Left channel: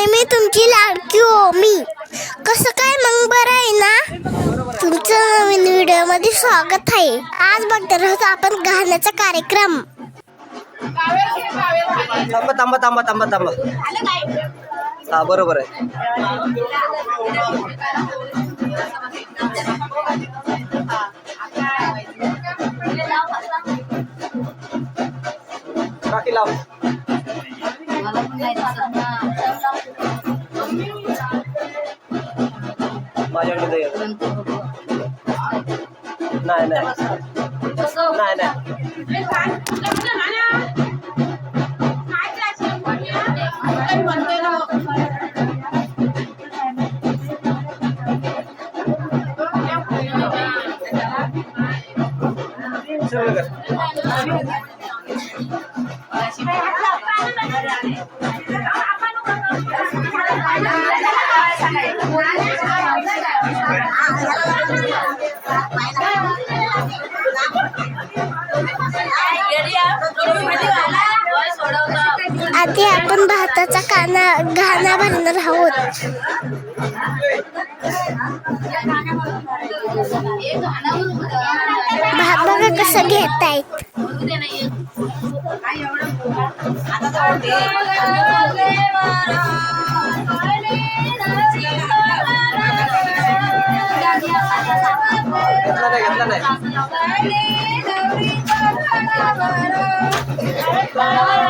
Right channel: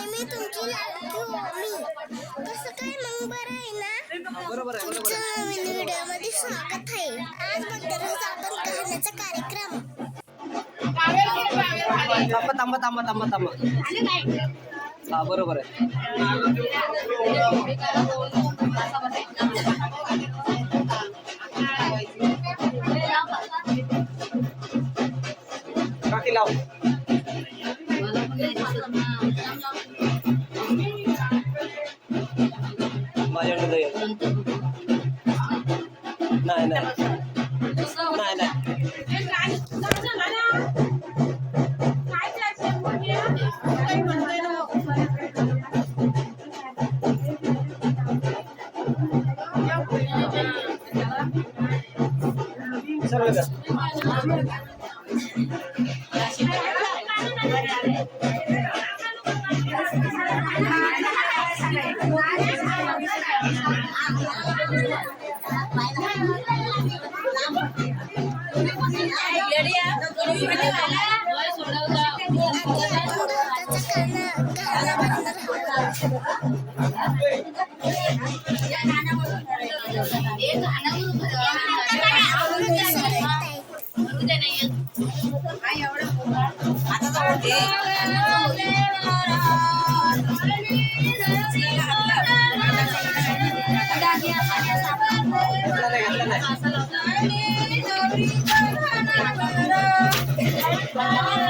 आणि मी तुमची लाडकी हो मी कसं काय मग बरं आहे ना? तुमचं नवीन व्हिडिओमध्ये स्वागत आहे. आज बघणार आहोत आपण गाण्याचा कार्यक्रम. थांबा थांबा थांबा थांबा थांबा. हा बरोबर आहे. काकी लाव. नाही नाही बघा कसं घेतायत? घेतला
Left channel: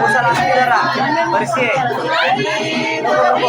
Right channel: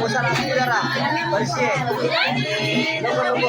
Masa lang sa pera. Kasi, ano ko?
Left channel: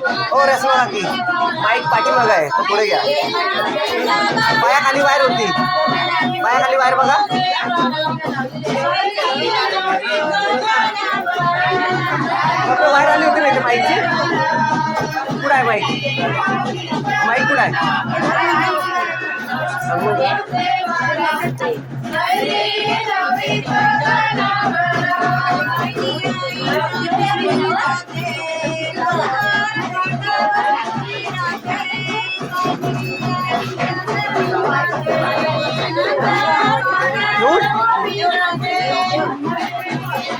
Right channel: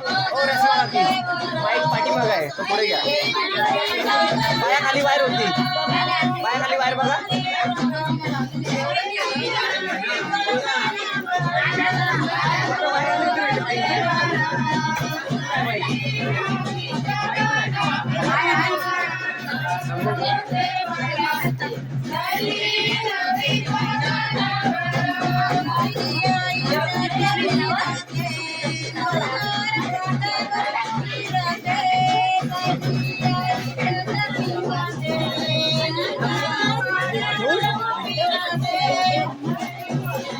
ओ असणार ओ माईक पाठीमागं आहे. तो पुढे घ्या. पायाखाली बाहेर होती पायाखाली बाहेर बघा. बाहेर आली होती नाही माईकची? कुठं आहे माईक? माईक कुठं आहे?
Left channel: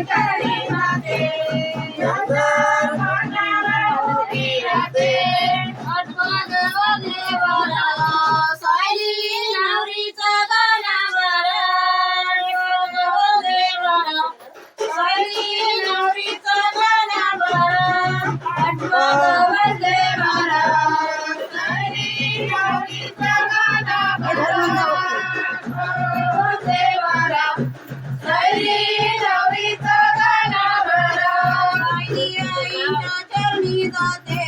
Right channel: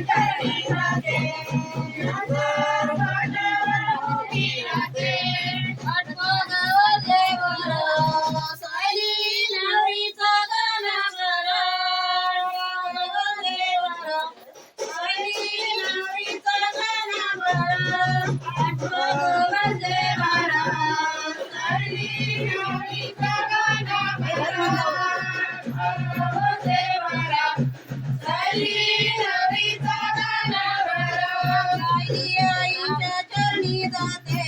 加油 Ay, ay, ay, ay,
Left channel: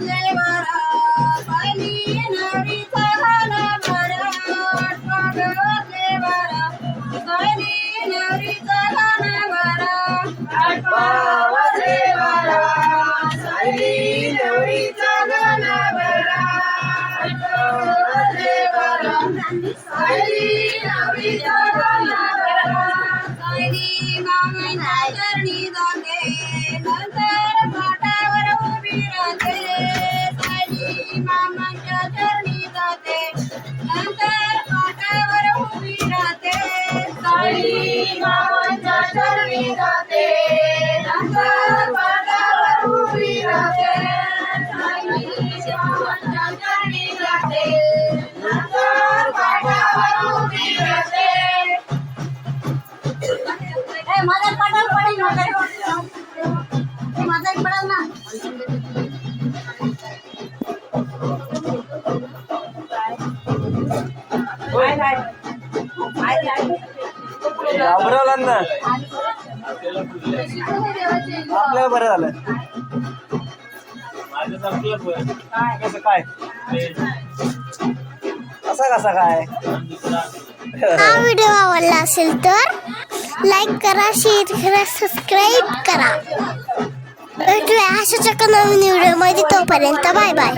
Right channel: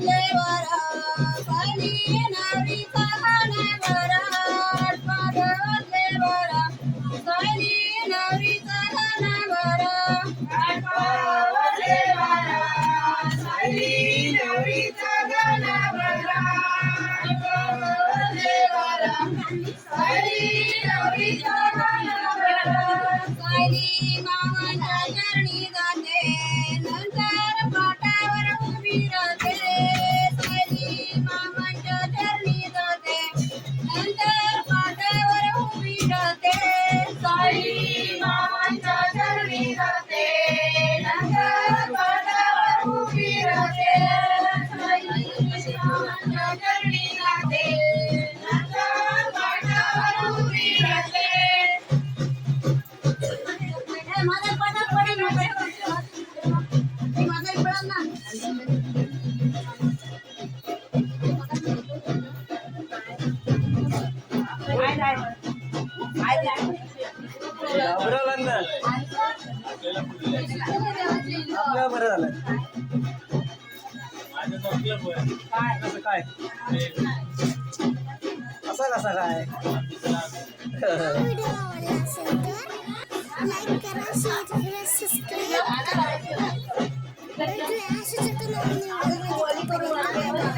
never Anda. आपल्याला बरं झालं कसं काय? असा कसा काय? हा व्हिडिओ आवडला असेल तर लाईक करा शेअर करा सबस्क्राईब करा. भेटूया अशा चक्क नवीन व्हिडिओ व्हिडिओमध्ये तोपर्यंत बाय बाय.